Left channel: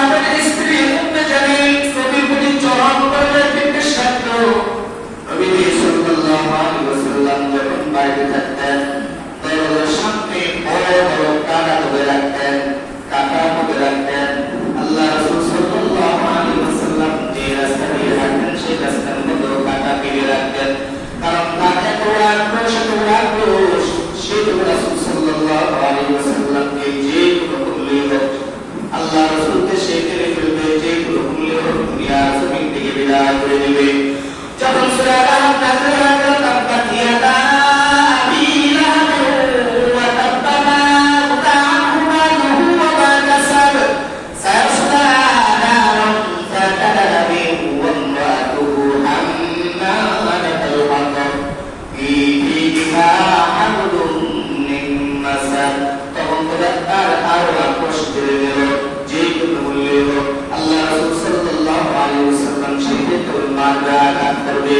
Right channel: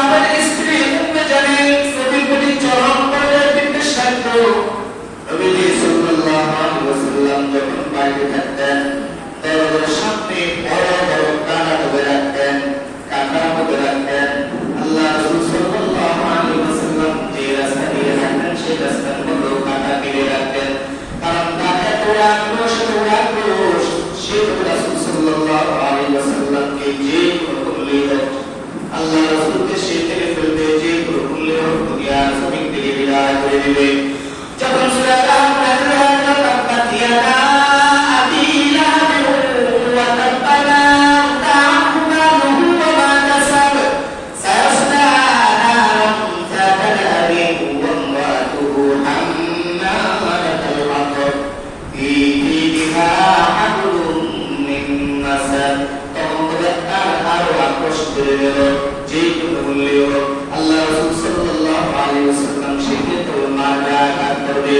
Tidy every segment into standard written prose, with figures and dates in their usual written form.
আমাদের স্ত্রী উম্মে জামিল নবীর প্রতি চরম দরদের বিদ্বেষ রাখত। নবী সাল্লাল্লাহু আলাইহি ওয়াসাল্লাম যখন বাইরে থাকতেন দরজার সামনে বড় বড় কাঁটা ধরে রাখতেন, কাঁটা ধরে রাখতেন। আল্লাহ রাসূল সাল্লাল্লাহু আলাইহি ওয়াসাল্লাম যে রাস্তা দিয়ে হাঁটতেন সেই রাস্তার মধ্যে কাঁটা মেরে রাখতেন, কারণ কাঁটা তোড়া ক্রোশ সেই রাসূল সাল্লাল্লাহু আলাইহি ওয়াসাল্লামকে যে কোনো মূল্য আল্লাহ রাসূলকে সেই করে ফেলবে, যে কোনো মূল্য দুনিয়া জমিন থেকে বিদায় করে দিবে। যখন সূরা আল নাজল হলো তাব্বাত ইয়াদা আবি লাহাব ওয়া তাব্বা মা আনহু মালুহু ওয়া মা কাসাব সায়াসলা নারান যাতা লাহাব ওয়া imra'atuhu hammalatal hatab fi jidiha hablum min masad। তখন তার আরো আকর্ষ করে গেল, যে কোনো মূল্য আল্লাহ রাসূল সাল্লাল্লাহু আলাইহি ওয়াসাল্লাম সেই তো মারা করবে।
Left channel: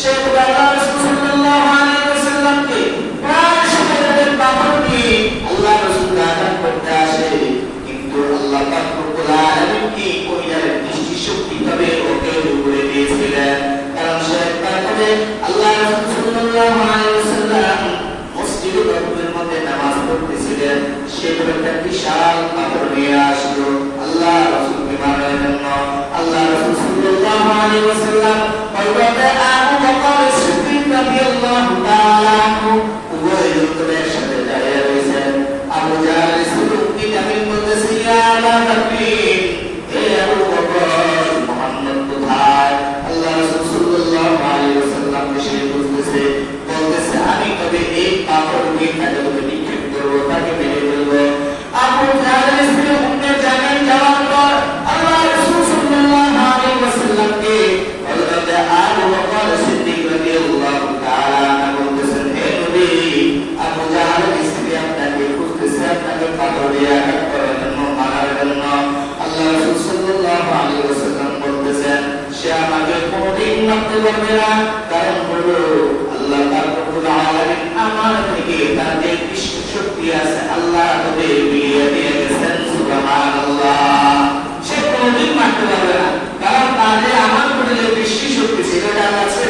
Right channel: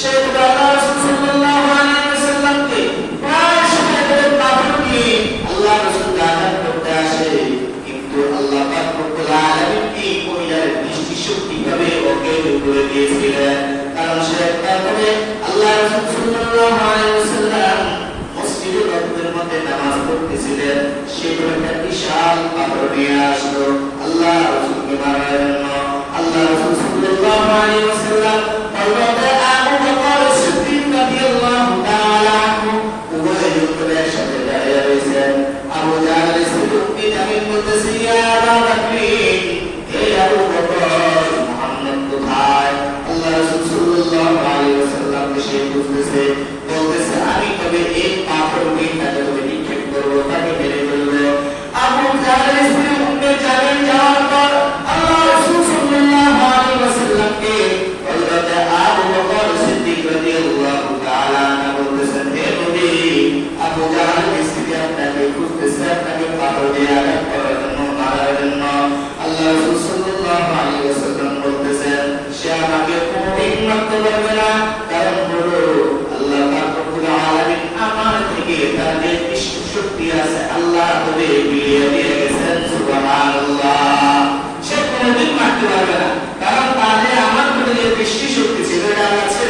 সেই আল্লাহ রাসূল সাল্লাল্লাহু আলাইহি ওয়াসাল্লামকে প্রায় সময় পাথর দিয়ে আল্লাহ রাসূল আঘাত করতে আসে, কিন্তু আল্লাহ পাক রব্বুল আলামিন কি মহিলার দৃষ্টি শক্তি ভাবে ওকে উপরে দিয়েছিলেন, কারণ সে তারপরে আল্লাহ রাসূল সাল্লাল্লাহু আলাইহি ওয়াসাল্লাম মসজিদে নববীর মধ্যে নামাজ পড়তেছিলেন, সেই একটা বিশাল পাথর নিয়ে আসলো আল্লাহ রাসূলকে মারার জন্য। আল্লাহ রাসূল সাল্লাল্লাহু আলাইহি ওয়াসাল্লাম হযরত আবু বকর সিদ্দিক রাদিয়াল্লাহু তাআলা আনহু উভয় যুদ্ধে একসাথে দাঁড়িয়ে রয়েছেন। আবু জাহল সিদ্দিক জামিল বলতেছে, ইয়া আবু বকর, হে আবু বকর, মুহাম্মদ কোথায়? আল্লাহ রাসূল সাল্লাল্লাহু আলাইহি ওয়াসাল্লাম সে বলতেছে আমি তবে এই পাথর নিয়ে তাকে নিক্ষেপ করবো, তাকে মেরে ফেলবো। আবু জাহল উম্মে জামিল যাওয়ার পর আল্লাহ রাসূল সাল্লাল্লাহু আলাইহি ওয়াসাল্লামকে হযরত আবু বকর সিদ্দিক রাদিয়াল্লাহু তাআলা বলতেছেন, হে নবী, আবু জাহল স্ত্রী আপনাকে খুঁজতেছে, আপনাকে পাথর দিয়ে আঘাত করার জন্য, মারার জন্য। আল্লাহ রাসূল সাল্লাল্লাহু আলাইহি ওয়াসাল্লাম বলতেছেন, সে আমাকে কোনদিন মারতে পারবে না, কারণ বড় আল্লাহ পাক রব্বুল আলামিন আমার থেকে তার যে শক্তি আছে আল্লাহ তবে বিলিয়ে দিয়ে গেছেন। সুবহানাল্লাহ। সে কোনদিন মারতে পারবে না, কারণ তার যে আমার প্রতি যে বৃষ্টি শক্তি ছিল এটা আমার ছিল